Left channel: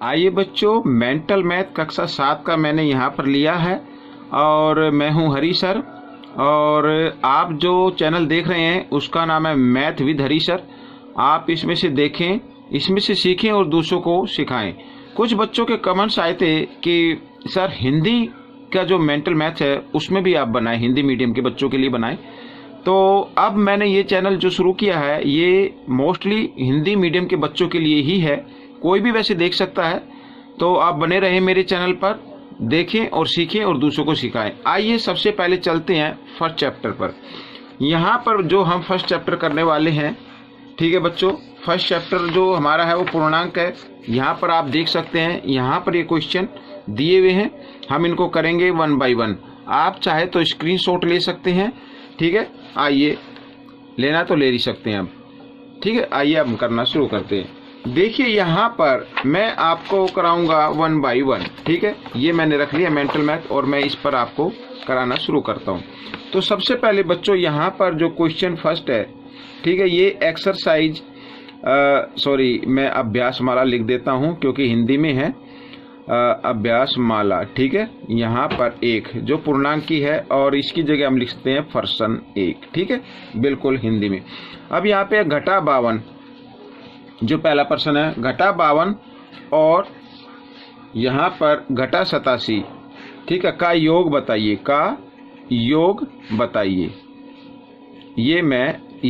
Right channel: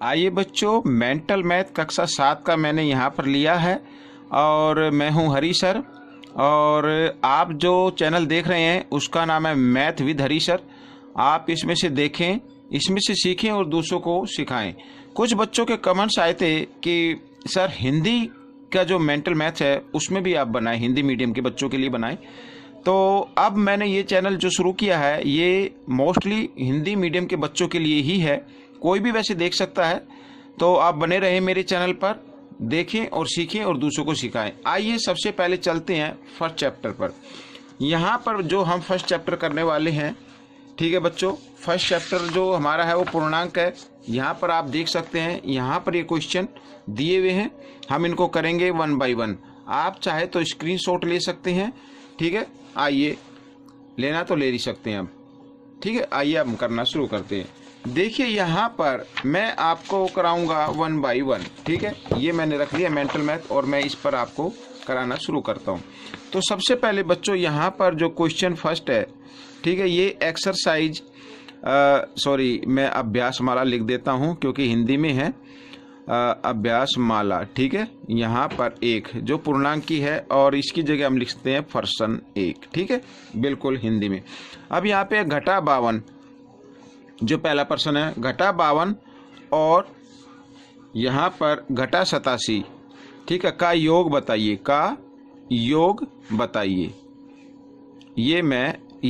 आइए बच्चों, mental math कक्षा 7 का मैंने यहाँ पर लिया है और मैं हूँ हरी सर। और आप जो चैनल देख रहे हैं उसका नाम है मैथ विद हरी सर। आप इसमें से देखें, इसमें से सीखें और दूसरों को सिखाएं। कुछ बच्चों के कमेंट्स आए थे कि सर हिंदी का जो मेंटल मैथ है उसमें भी आप बनाएं, हिंदी मीडियम के बच्चों के लिए बनाएं। तो अब मैंने ये चैनल जो शुरू किया है ये मोस्टली हिंदी मीडियम के बच्चों के लिए ही है, कोई भी वैसे देख सकता है। तो आप बने रहें मेरे चैनल पर, देखें और सीखें और दूसरों को सिखाएं। आइए सबसे पहले चलते हैं फर्स्ट चैप्टर पर। यहाँ पर जो हम फर्स्ट चैप्टर करने वाले हैं, ठीक है बच्चों, फर्स्ट चैप्टर जो हमारा है वो पूर्णांक है। यहाँ पर आप देख सकते हैं, यहाँ पर ये क्वेश्चन दिए हुए हैं, हम इनको करेंगे 1 बाय 1। आप चाहे तो स्क्रीनशॉट ले सकते हैं, ठीक है। आइए, लेना तो ले ही सकते हैं आप, ठीक है। आइए हम करना शुरू करते हैं। देखिए यहाँ पर मैं आपको कराऊंगा 1 बाय 1, ठीक है। ये मैंने रख लिया मेंटल मैथ और मैं इस पर आपको कराना शुरू करता हूँ। तो सबसे पहले बच्चों यहाँ पर जो क्वेश्चन फर्स्ट है, ठीक है, ये एक्सरसाइज सॉरी मैं अभ्यास माला लिख देता हूँ क्योंकि हिंदी में है अभ्यास माला, ठीक है। यहाँ पर एक जो पूर्णांकी है और इसकी जगह हम लिखते हैं पर्सन 1, ठीक है, बिल्कुल हिंदी में। अब यहाँ पे घटा 52, जो पहला प्रश्न है घटा 52 और यहाँ पर घटा 87, ठीक है, का योग बताइए, का योग बताइए। ये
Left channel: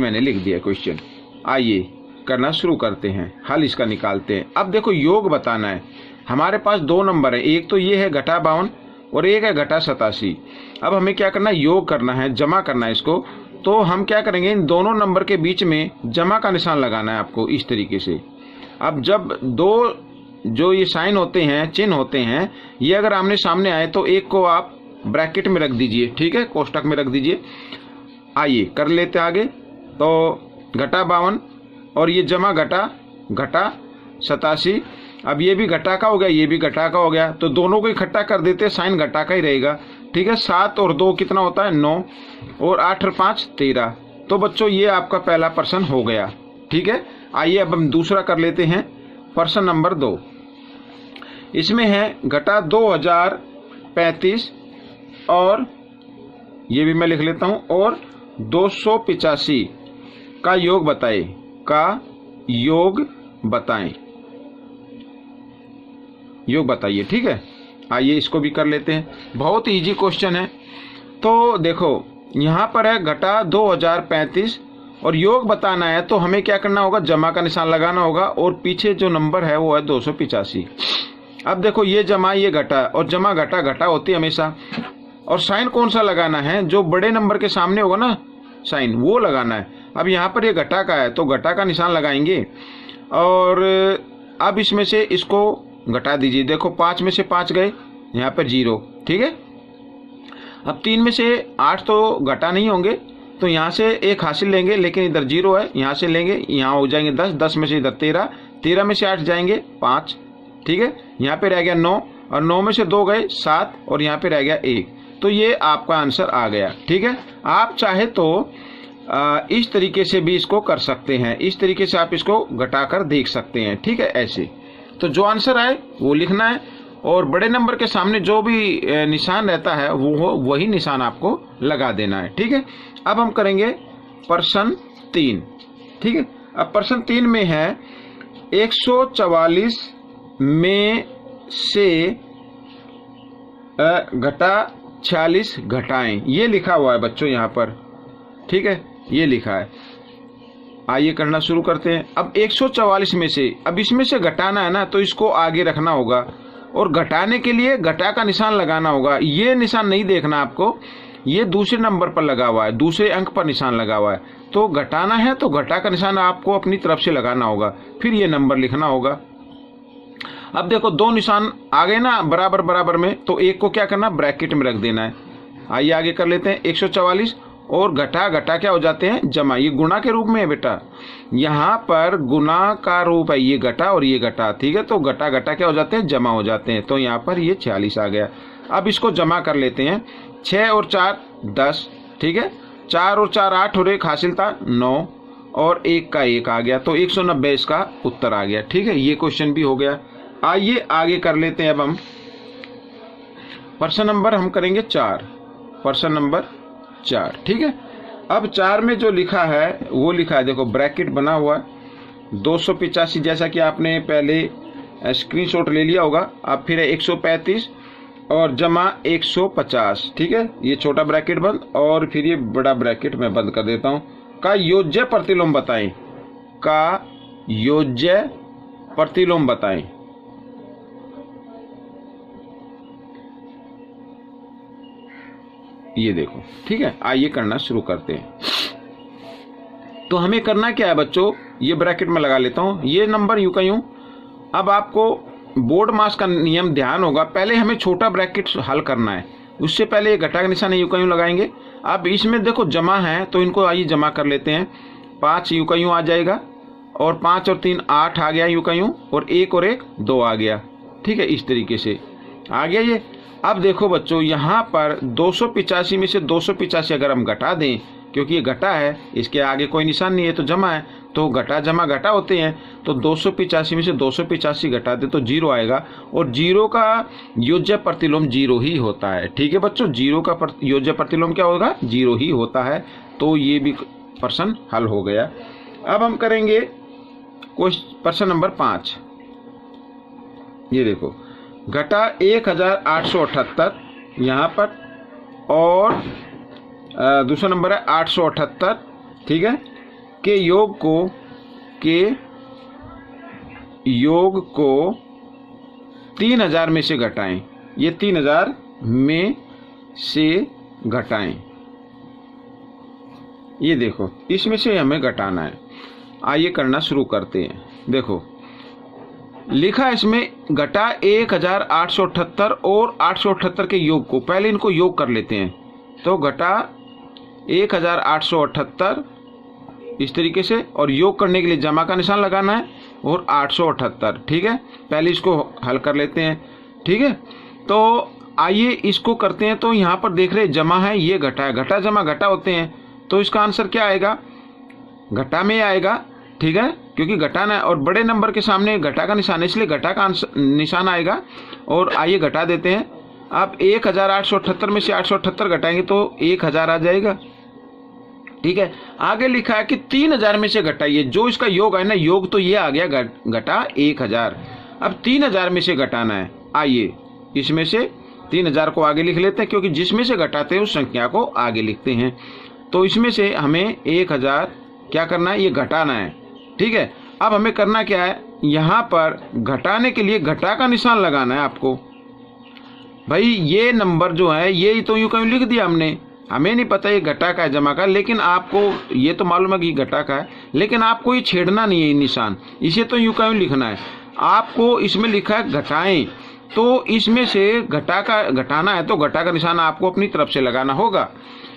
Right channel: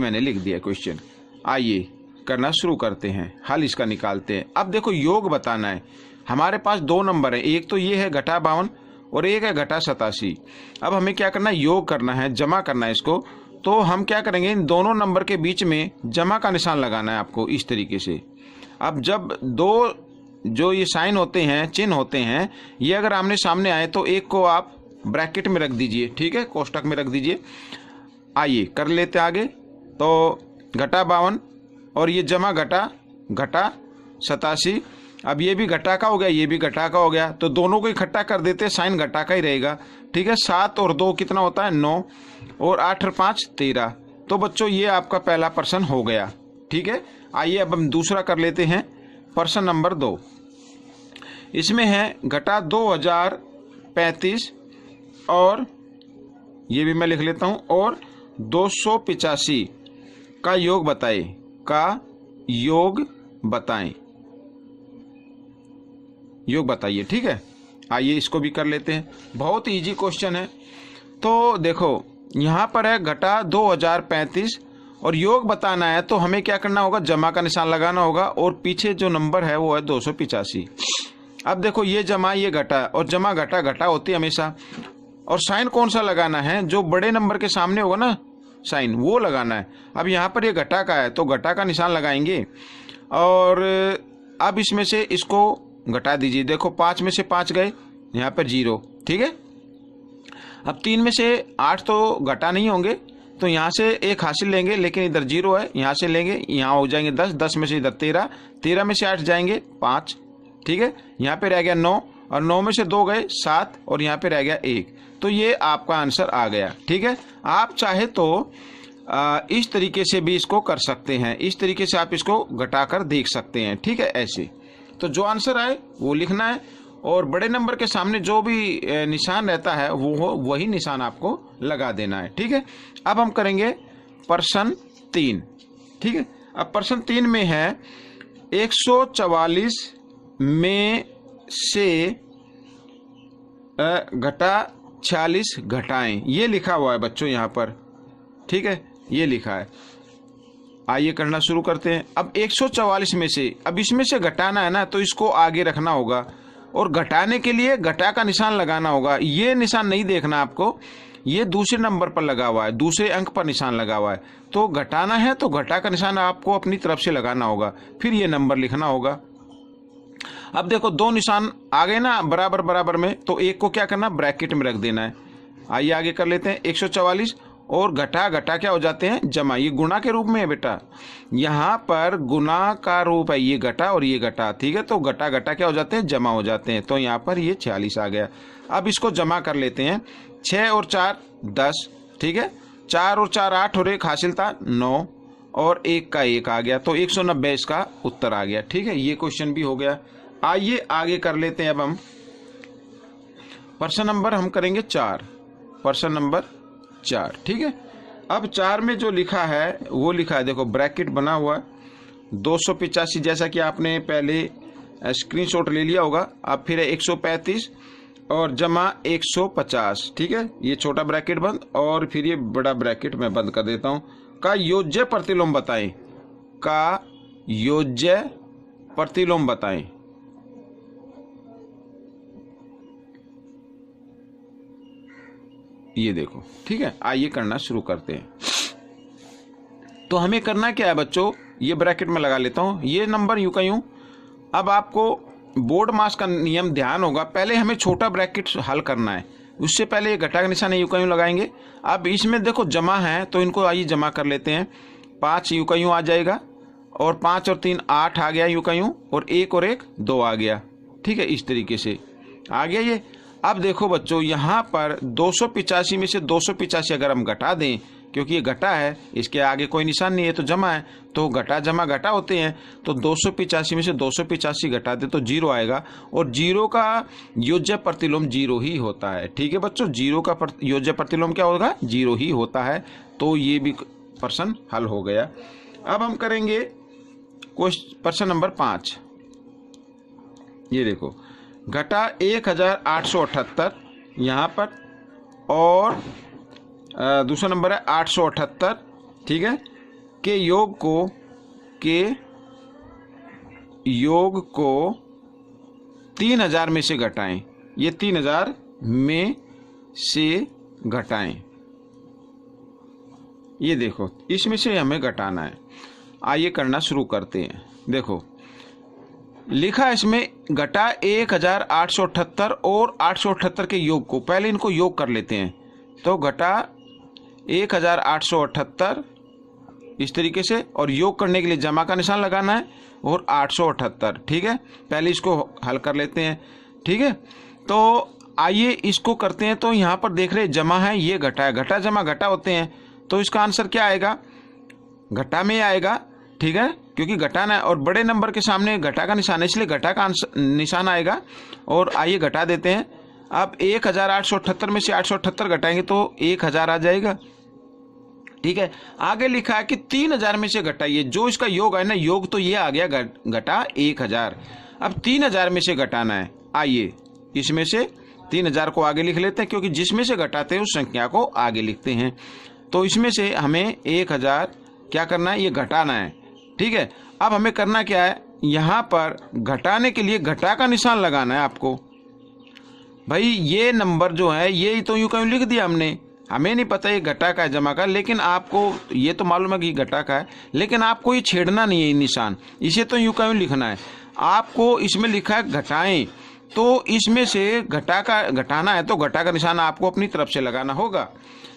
मैंने लिख दिया क्वेश्चन। आइए करना शुरू करते हैं, हल इसका निकालते हैं। अब देखो योग बताना है, हमारे पास 2 नंबर है, एक तो ये है घटा 52 और एक है घटा 87। अब हमें क्या करना है, योग करना है, जमा करना है इसको। तो हम क्या करेंगे, इन दोनों नंबर के बीच में जमा का निशान लगाना है आपको इस तरीके से। अब जब दो जो ये साइन होते हैं, चिन्ह होते हैं, ये अगर आमने सामने आए तो एक को आप ब्रैकेट में रख दीजिए, ठीक है, कोष्टक में रख दीजिए। आइए कर लेते हैं आगे। तो घटा 52 और ये जमा घटा 87। अब ये भी घटा का हो गया, ये भी घटा का हो गया, तो दोनों को इकट्ठा कर देते हैं, साइन घटा का ही रहेगा, ठीक है। 7 और 2 कितना होता है, 9, और 8 और 5 13। तो बच्चों ये आपका पहला प्रश्न हो गया, ठीक है। आइए अब हम दूसरा कर लेते हैं, प्रश्न नंबर 2। इसमें है घटा 2035 और ये भी मैं लिख लेता हूँ, और 285 का योग बताएं, का योग बताएं, योग बताइए, ठीक है। आइए इसको भी कर लेते हैं, बहुत इजी क्वेश्चन है। तो देखो यहाँ पर है घटा 2035 और योग बताना है, तो हमें क्या करना होगा, जमा का निशान लगाना होगा और पीछे जो नंबर है वो है 285। अब देखो ये जमा ये घटा, और जमा घटा होती है हमेशा। और साइन कौन सा लगाना है, जो बड़े नंबर के सामने होगा ना साइन, वो लगाना है। अब यहाँ पर ये घटा का है तो घटा का निशान लगाएंगे और अब इसमें से इसको घटा दीजिए। देखो 5 में से 5 गए, यहाँ पर 0, ठीक है। अब 3 में से 8 तो घटा नहीं होंगे, तो यहाँ से 1 हासिल लेंगे, लेकिन इधर 0 है, यहाँ से लेंगे, यहाँ हो जाएंगे 10, 10 में से इधर 13, 13 में से 8 जाएंगे 5, ठीक है। यहाँ पे रह गया 9 और 9 में से 2 गए 7 और यहाँ पे रह गया 1। तो ये आपका आंसर आ गया, ठीक है। आप चाहे तो इस तरीके से भी इसको कर सकते हैं, इस तरीके से आप इसको घटाकर देख सकते हैं, ठीक है, ऐसे। तो जो आंसर आए वो लिखना है और बड़े नंबर के सामने जो भी निशान रहता है वो वही निशान आपको लगा देना है, ठीक है। अब हम करेंगे प्रश्न 3, ठीक है। अब प्रश्न 3 में है 144 में से घटा 46 घटाएं, ये लिखा हुआ है बच्चों यहाँ पर, ठीक है, ये लिखा है। आइए करना शुरू करते हैं। अब 144 में से, अब इसमें से घटाना है ना, तो इसको आगे रखना होगा और घटाने के लिए घटा का निशान लगाना होगा। ये निशान नहीं देखना आपको, ये दूसरे नंबर पर लगा हुआ है, दूसरे अंक पर निशान लगा हुआ है। तो घटाना है तो घटा का निशान आपको अपनी तरफ से लगाना होगा, फिर ये नंबर लिखना होगा। अब देखो 2 निशान आ गए ना बराबर बराबर में, तो एक को क्या करना, ब्रैकेट में रख देना है। आइए आगे कर लेते हैं। 144 और घटा क्या हो जाते हैं, जमा। ये गुणा के रूप में है बेटा, यहाँ पर गुणा का रूप है, ये घटा और ये घटा, ठीक है। तो घटा क्या हो जाते हैं, जमा हो जाते हैं। तो यहाँ पर ये 46 आ गया। अब इसको जमा कर लेते हैं। 6 और 4 10, ठीक है। 4 और 4 8 और 1 हासिल था 9 और 1 का 1 आ गया, तो 190 इसका उत्तर आ गया, ठीक है। ये क्वेश्चन भी हो गया। आइए आगे कर लेते हैं। अब हम प्रश्न नंबर हम करेंगे 4, प्रश्न नंबर 4। ठीक है, अब 4 में जो लिखा है वो लिखा है, देखो ब्रैकेट बना हुआ है 285, जैसा कि आपने पहले स्क्रीनशॉट ले लिया होगा। अब फिर है 135 और जमा 150। ठीक है, ये छोटा ब्रैकेट बंद और फिर ये बड़ा ब्रैकेट मैं बंद कर देता हूँ। का योज्य प्रतिलोम बताएं, का योज्य प्रतिलोम बताएं। ये देखो, ठीक है, आइए करना शुरू करते हैं। तो हमें करना क्या है बच्चों, ये ब्रैकेट में लगा लेता हूं, ये नंबर यूं का यूं। अब आपको बोर्ड मास का नियम ध्यान होगा, पहले हमें छोटा ब्रैकेट हल करना है, उससे पहले ये घटा का निशान यूं का यूं लगाएंगे। अब इसमें देखो जमा है तो इनको आइए जमा कर लेते हैं। 5 यूं का यूं आ जाएगा और 5 और 3 8 आ गया यूं का यूं, और 1 और 1 2 आ गया। ठीक है, इस तरीके से आ गया ये। अब देखो बच्चों, यहाँ पर 285 में से 285 अगर हम घटा दें, क्योंकि ये घटा है, इसके आगे कोई निशान नहीं है तो जमा है, तो घटा जमा घटा होते हैं। तो 285 में से 285 घटा दे तो 0 आएगा, और 0 का योज्य प्रतिलोम 0 ही होता है। ठीक है बच्चों, 0 का योज्य प्रतिलोम क्या होगा, 0 ही होता है। तो ये भी प्रश्न हल हो गया। अब हम करेंगे प्रश्न नंबर 5। ये देखो, घटा 1878 यहाँ पर, और दूसरा नंबर है 878। ठीक है, के योग को 3000 में से घटाएं। ये 3000 में से घटाएं, ये देखो इसमें से हमें घटाना है। आइए करना शुरू करते हैं। देखो लिखा है इसमें घटा 1878 और 878 के योग को, पहले इनको योग कर लेते हैं। तो घटा 1878 इस तरीके से, और योग करने के लिए जमा का निशान लगाना है, और 878। ठीक है, पहले इसको हल कर लेते हैं। ठीक है, तो आइए इसको करते हैं। तो यहाँ पर देख रहे हैं जमा है, ये घटा है, घटा जमा घटा होते हैं, तो इसका आंसर क्या आएगा, घटा में आएगा। ठीक है, क्योंकि घटाना है और बड़े नंबर के सामने घटा का निशान है, इसलिए घटा का निशान आएगा। और आइए घटा देते हैं। अब 1878 में से 878 घटाएंगे तो 1000 आ जाएगा। ठीक है, आगे लिखा है कि 3000 में से घटाइए, जो इसका योग है ना, योग तो ये आ गया घटा 1000। अब 3000 में से घटाना है। आइए इसमें से 3000 को आगे लिख लेते हैं, क्योंकि जिसमें से घटाते हैं उस संख्या को आगे लिखते हैं। तो इसमें से हमें 1000 क्या करना है, ये घटाना है। ठीक है, अब हमें करना क्या है, यहाँ पर घटाने के लिए घटा का निशान लगाना है आपको। भाई ये नंबर जो है ये तो यूं कहीं लिख दिया हमने, हमें नहीं पता ये घटा का है जमा का, लेकिन आपको ये तो मालूम है कि घटा का है, लेकिन आपको ये छेड़ना नहीं है निशान, इसे तो यूं कहीं लिखना है। आपको इसमें लिखा है घटाएं, तो इसमें से घटा का घटाना है तो घटा का निशान आपको अपनी तरफ से लगाना होगा।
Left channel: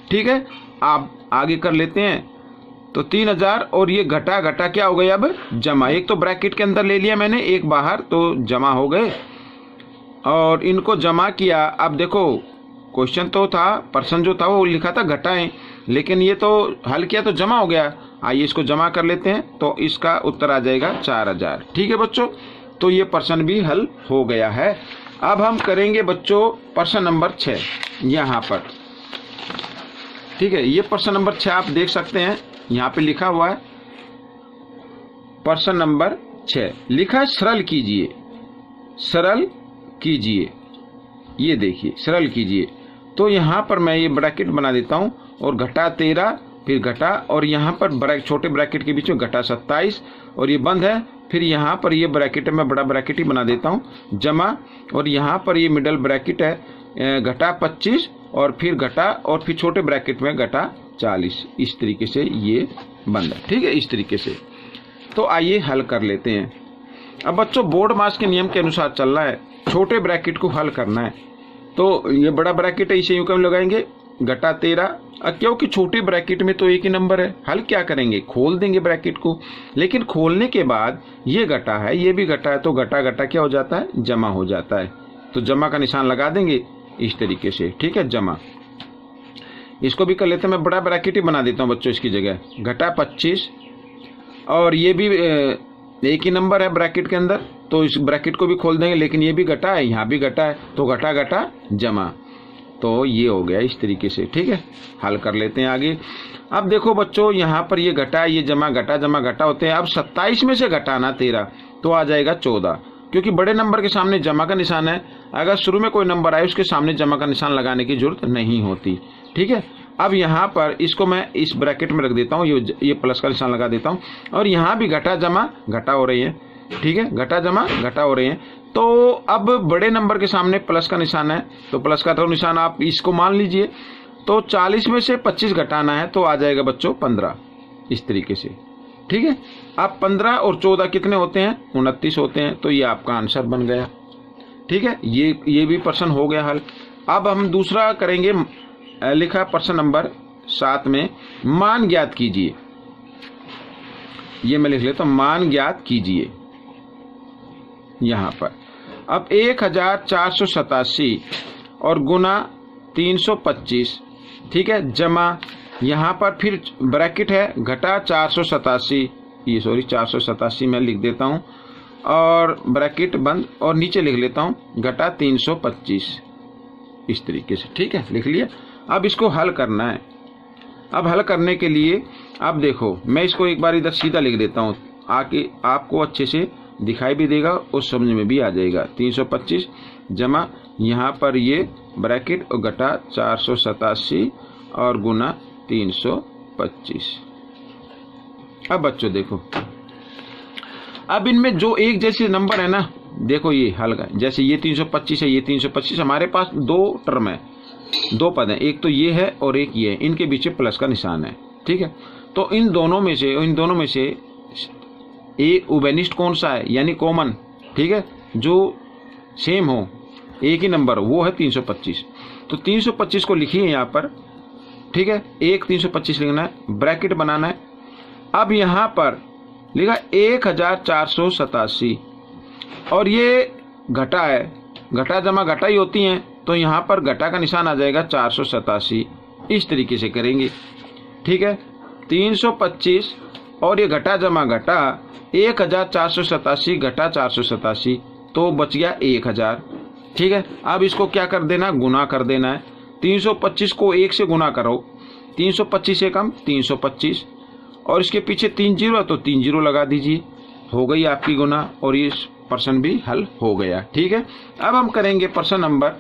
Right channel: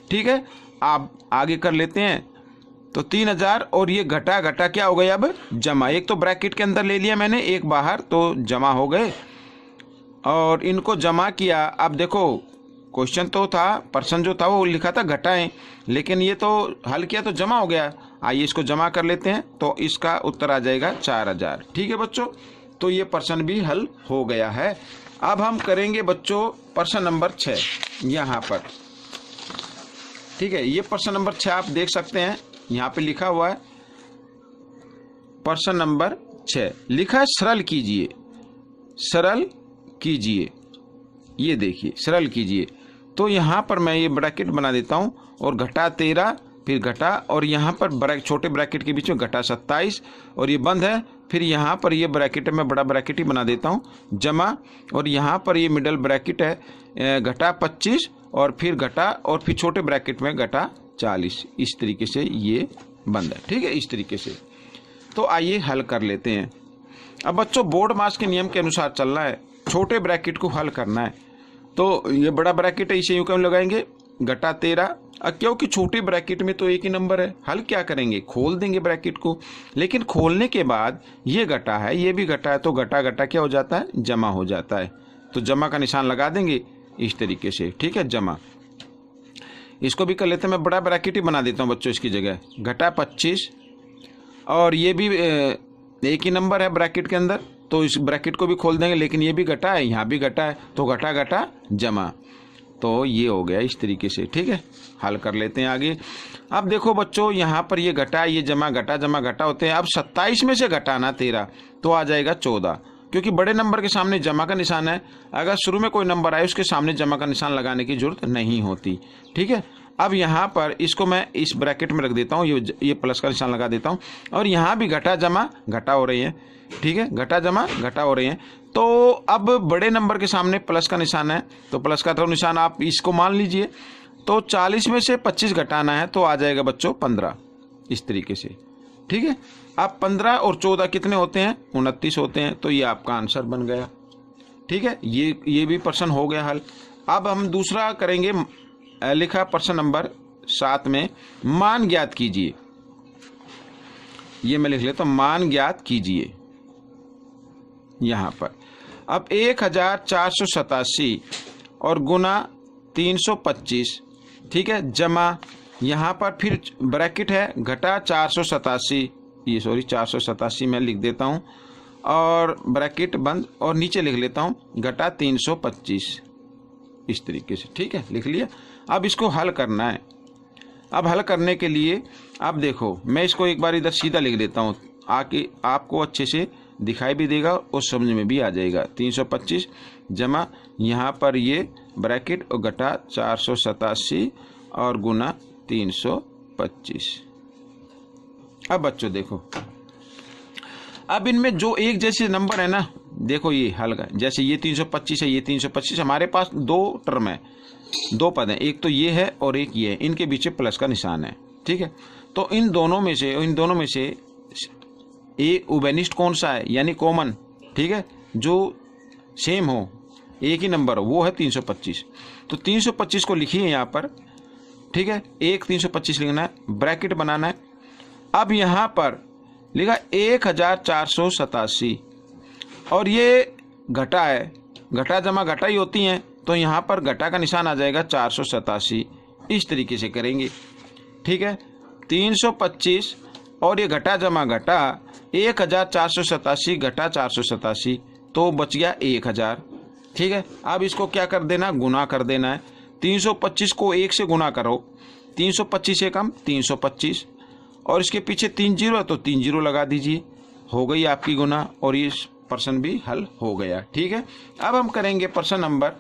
ठीक है, आप आगे कर लेते हैं। तो 3000 और ये घटा घटा क्या हो गया, अब जमा। एक तो ब्रैकेट के अंदर ले लिया मैंने, एक बाहर, तो जमा हो गए और इनको जमा किया। अब देखो क्वेश्चन तो था, प्रश्न जो था वो लिखा था घटाएं, लेकिन ये तो हल किया तो जमा हो गया। आइए इसको जमा कर लेते हैं, तो इसका उत्तर आ जाएगा 4000। ठीक है बच्चों, तो ये प्रश्न भी हल हो गया है। अब हम करेंगे बच्चों प्रश्न नंबर 6 यहाँ पर। ठीक है, ये प्रश्न नंबर 6 आप देख सकते हैं, यहाँ पे लिखा हुआ है प्रश्न नंबर 6, लिखा है सरल कीजिए, सरल कीजिए। ये देखिए सरल कीजिए, तो यहाँ पर मैं ये ब्रैकेट बना देता हूँ, और घटा 13, फिर घटा, और यहाँ पर छोटे ब्रैकेट के बीच में घटा 27, और ये बंद है। फिर यहाँ पर ये ब्रैकेट है, मैं बड़ा ब्रैकेट ही बना देता हूँ, जमा, और यहाँ पर ये मिडल ब्रैकेट है घटा 25, और फिर घटा, और फिर छोटे ब्रैकेट में घटा 40। इस तरीके से ये बंद है। ठीक है, इस तरीके से। तो आइए हल कर लेते हैं। अब बच्चों बोर्ड मास के नियम के अनुसार चलना है, छोटे ब्रैकेट को हल करना है। तो ये बड़ा ब्रैकेट है, इसे यूं कम लगाएंगे, घटा 13। क्योंकि छोटे ब्रैकेट में तो एक ही नंबर है, हल क्या करेंगे, खोल देंगे ब्रैकेट को। लेकिन खोलने के बाद ये घटा है, ये भी घटा है, तो घटा घटा क्या हो जाता है, जमा हो जाता है। तो जमा का निशान लगा देंगे इस तरीके से। ठीक है, जमा। इसको भी कर लेते हैं, मैं बड़ा ब्रैकेट ही बना देता हूँ बच्चों इसकी जगह, घटा 25, और ये भी एक ही नंबर है ब्रैकेट के अंदर, तो इस ब्रैकेट को भी खोल देंगे, लेकिन ये भी घटा है, यहाँ भी घटा है, तो घटा घटा जमा, तो ये हो गया इस तरीके से। ठीक है, हल कर लेते हैं आगे। अब देखो बच्चों, यहाँ पर ये घटा, ये जमा घटा होते हैं। अब 27 में से घटाना 13, तो आ जाएगा 14, क्योंकि बड़े नंबर के सामने जमा का निशान है। अगर शुरू में कोई नंबर आए उसके सामने जमा का निशान लगाने की जरूरत नहीं होती। ठीक है, अब यहाँ पर इसको मैं इस ब्रैकेट में रख देता हूँ, ये प्लस का निशान लगा देता हूँ, और यहाँ भी घटा जमा घटा हो रही है। ठीक है, घटा जमा घटा हो रही है। तो अब बड़े नंबर के सामने प्लस का निशान है, तो प्लस का तो निशान आप इसको मान लीजिए। तो 40 में से 25 घटाना है, तो आ जाएगा बच्चों 15, इस तरीके से। ठीक है, अब 15 और 14 कितने होते हैं? 29 होते हैं, तो ये आपका आंसर बन गया। ठीक है, ये भी प्रश्न हो गया हल। अब हम दूसरा करेंगे, लिखा प्रश्न नंबर 7 में, मान ज्ञात कीजिए। ये मैं लिख लेता हूँ, मान ज्ञात कीजिए यहाँ पर। अब 1487 और गुना 325, ठीक है, जमा, यहाँ पर फिर ब्रैकेट है, घटा 487, ये सॉरी 487 मैं लिख देता हूँ, और ब्रैकेट बंद, और नीचे लिख लेता हूँ घटा 325, इस तरीके से। ठीक है, लिख लिया। अब इसको हल करना है। अब हल करने के लिए अब देखो, मैं इसको एक बार इधर सीधा लिख देता हूँ, आके आपको अच्छे से दिखाई भी देगा और समझ में भी आ जाएगा। 325 जमा, यहाँ पर ये ब्रैकेट और घटा 487 और गुना 325। अब बच्चों देखो, अब इनमें जो एक जैसे नंबर है ना, देखो ये हल का, जैसे ये 325 है, ये 325, हमारे पास दो टर्म है, दो पद हैं, एक तो ये है और एक ये है, इनके बीच प्लस का निशान है। ठीक है, तो इन दोनों में से एक उभयनिष्ठ कौन सा है, यानी कॉमन, ठीक है, जो सेम हो, एक ही नंबर हो, वो है 325। तो 325 को लिखिए यहाँ पर। ठीक है, एक 325 लिखना है, ब्रैकेट बनाना है। अब यहाँ पर लिखा 1487 और ये घटा है, घटा जमा घटा ही होती हैं, तो यहाँ पर घटा का निशान आ जाएगा 487, इस तरीके से करेंगे। ठीक है, 325 और ये घटा जमा घटा 1487 घटा 487, तो बच गया 1000। ठीक है, अब इसको क्या कर देना, गुना कर देना है। 325 को 1 से गुना करो, 325 से कम 325, और इसके पीछे 3 जीरो है तो 3 जीरो लगा दीजिए, हो गई आपकी गुना, और ये प्रश्न भी हल हो गया। ठीक है, अब हम करेंगे प्रश्न नंबर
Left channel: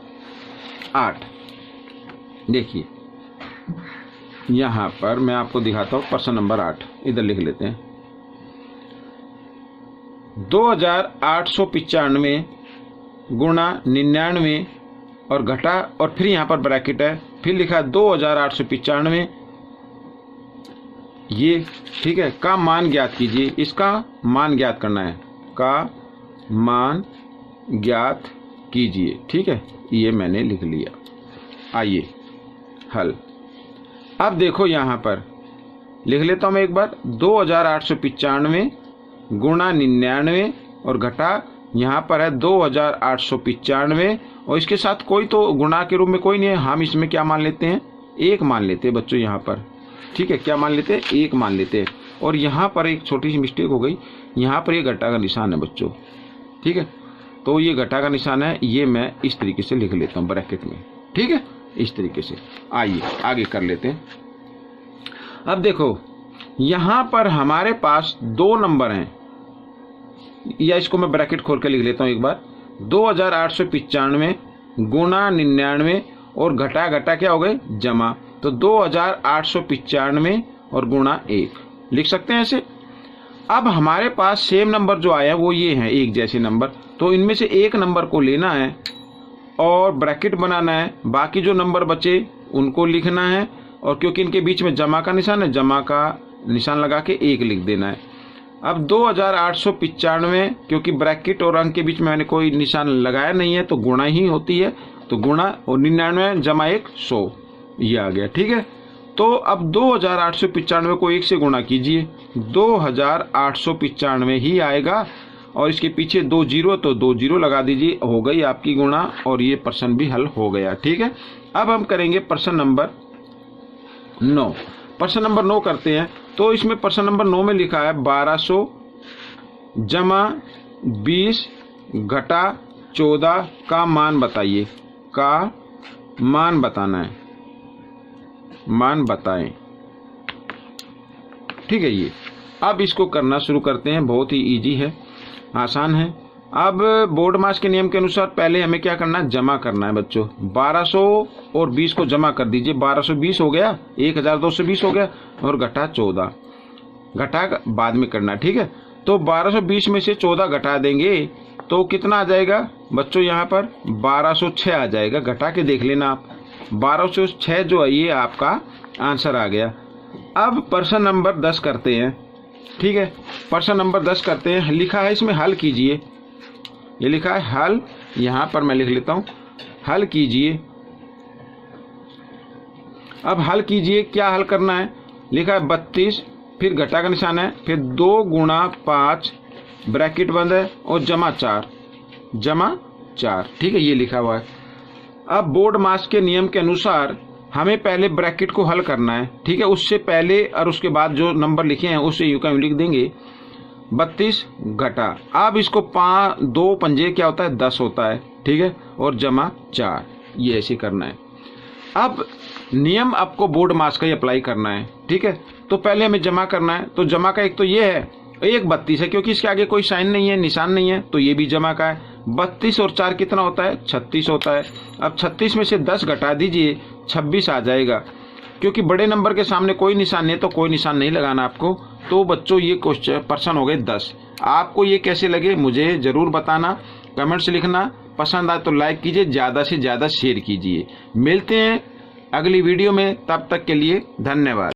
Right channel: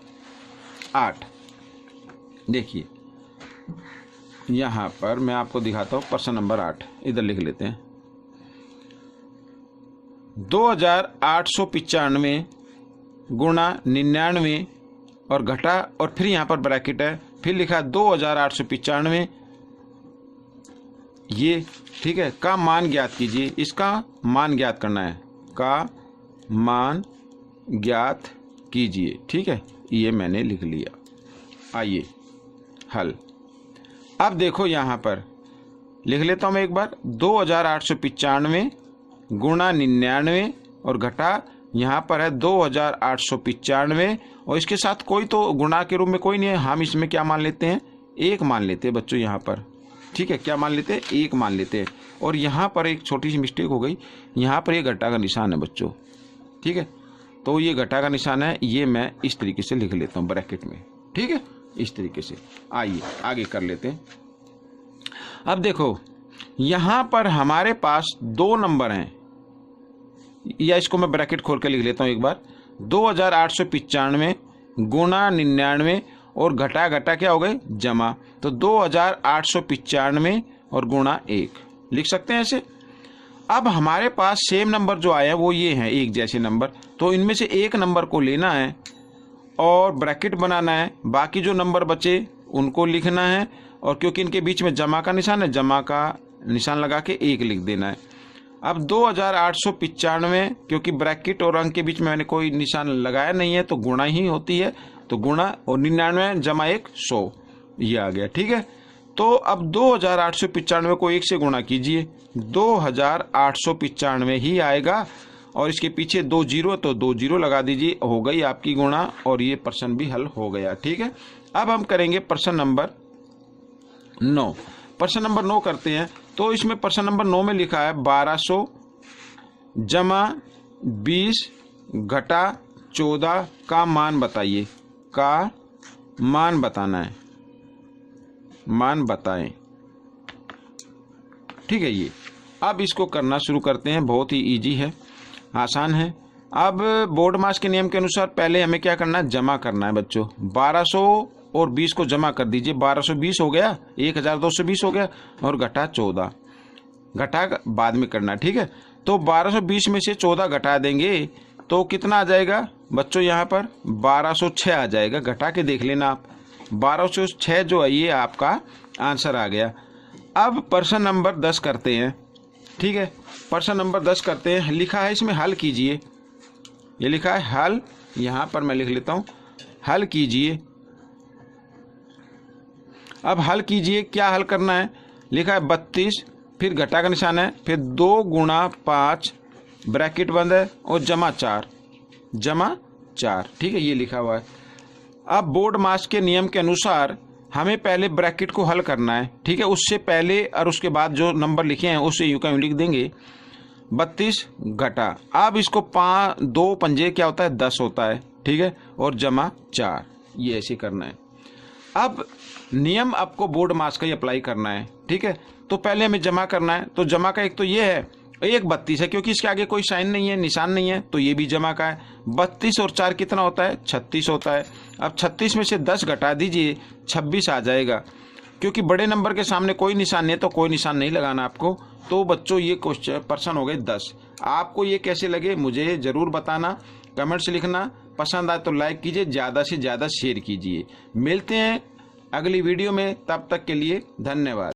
8। देखिए यहाँ पर मैं आपको दिखाता हूँ प्रश्न नंबर 8, इधर लिख लेते हैं। 2895 गुणा 99 और घटा, और फिर यहाँ पर ब्रैकेट है, फिर लिखा 2895 ये। ठीक है, का मान ज्ञात कीजिए, इसका मान ज्ञात करना है, का मान ज्ञात कीजिए। ठीक है, ये मैंने लिख लिया। आइए हल। अब देखो यहाँ पर लिख लेता हूँ मैं एक बार, 2895 गुणा 99 और घटा, यहाँ पर है 2895, और इसके साथ कोई तो गुणा के रूप में कोई नहीं है, हम इसमें क्या मान लेते हैं, 1 मान लेते हैं बच्चों यहाँ पर। ठीक है, क्या मान लेते हैं, 1 मान लेते हैं। और यहाँ पर एक छोटी सी मिस्टेक हो गई, यहाँ पर ये घटा का निशान है बच्चों। ठीक है, तो ये घटा का निशान है, ये मैं इस तरीके से लिख लेता हूँ ब्रैकेट में। ठीक है, इस तरीके से। आइए आगे कर लेते हैं। अब देखो यहाँ पर हमारे पास 2 नंबर हैं, या इसको मैं ब्रैकेट खोल के लिख लेता हूँ एक बार, 2895 गुणा 99 और घटा घटा क्या हो गए, जमा, तो 2895 और गुणा 1 लिख सकते हैं ऐसे। अब हमारे पास सेम नंबर जो आए हैं वो ये हैं, एक जैसे नंबर, तो इनमें से एक नंबर को लेना है और ब्रैकेट बनाना है, बाकी जो नंबर बचे उनको लिखना है, और क्योंकि इनके बीच में जमा का निशान है, जमा का निशान लगा के 1 लिख देना है। अब 2895, क्योंकि ब्रैकेट और अंक के बीच में मैंने कोई निशान लगाया नहीं है तो गुणा ही होती है, तो गुणा, और 99 जमा 1 100, ये आ गया। ठीक है, तो अब 2895 को 1 से गुणा कीजिए, 2895 ही आएगा, और इसके पीछे 2 जीरो, तो 2 जीरो लगा दीजिए, हो गई आपकी गुणा, और ये प्रश्न भी हल हो गया। ठीक है, अब हम करेंगे प्रश्न नंबर 9। प्रश्न नंबर 9 करते हैं। तो इसमें प्रश्न नंबर 9 में लिखा है 1200 जमा 20 घटा 14 का मान बताइए, का मान बताना है, मान बताएं। ठीक है, ये अब इसको करना शुरू करते हैं। बहुत ही इजी है, आसान है। अब बोर्ड मास के नियम के अनुसार पहले हमें क्या करना है, जमा करना है बच्चों। 1200 और 20 को जमा कर दीजिए। 1220 हो गया, 1220 हो गया, और घटा 14, घटा बाद में करना है। ठीक है, तो 1220 में से 14 घटा देंगे तो कितना आ जाएगा बच्चों, यहाँ पर 1206 आ जाएगा। घटा के देख लेना आप, 1206 जो है ये आपका आंसर आ गया। अब प्रश्न नंबर 10 करते हैं। ठीक है, प्रश्न नंबर 10 करते हैं। लिखा है इसमें हल कीजिए, ये लिखा है हल, यहाँ पर मैं लिख लेता हूँ, हल कीजिए। अब हल कीजिए, क्या हल करना है, लिखा है 32, फिर घटा का निशान है, फिर 2 गुणा 5 ब्रैकेट बंद है और जमा 4, जमा 4। ठीक है, ये लिखा हुआ है। अब बोर्ड मास के नियम के अनुसार हमें पहले ब्रैकेट को हल करना है। ठीक है, उससे पहले और उसके बाद जो नंबर लिखे हैं उससे यूं का यूं लिख देंगे। 32 घटा, अब इसको 2 पंजे क्या होता है, 10 होता है। ठीक है, और जमा 4, ये ऐसे करना है। अब नियम आपको बोर्ड मास का ही अप्लाई करना है। ठीक है, तो पहले हमें जमा करना है। तो जमा का एक तो ये है, एक 32 है, क्योंकि इसके आगे कोई साइन नहीं है, निशान नहीं है, तो ये भी जमा का है। 32 और 4 कितना होता है, 36 होता है। अब 36 में से 10 घटा दीजिए, 26 आ जाएगा। क्योंकि बड़े नंबर के सामने कोई निशान नहीं है तो कोई निशान नहीं लगाना आपको। तो बच्चों ये क्वेश्चन प्रश्न हो गए 10। आपको ये कैसे लगे मुझे ज़रूर बताना, कमेंट से लिखना। पसंद आए तो लाइक कीजिए, ज़्यादा से ज़्यादा शेयर कीजिए। मिलते हैं अगली वीडियो में, तब तक के लिए धन्यवाद।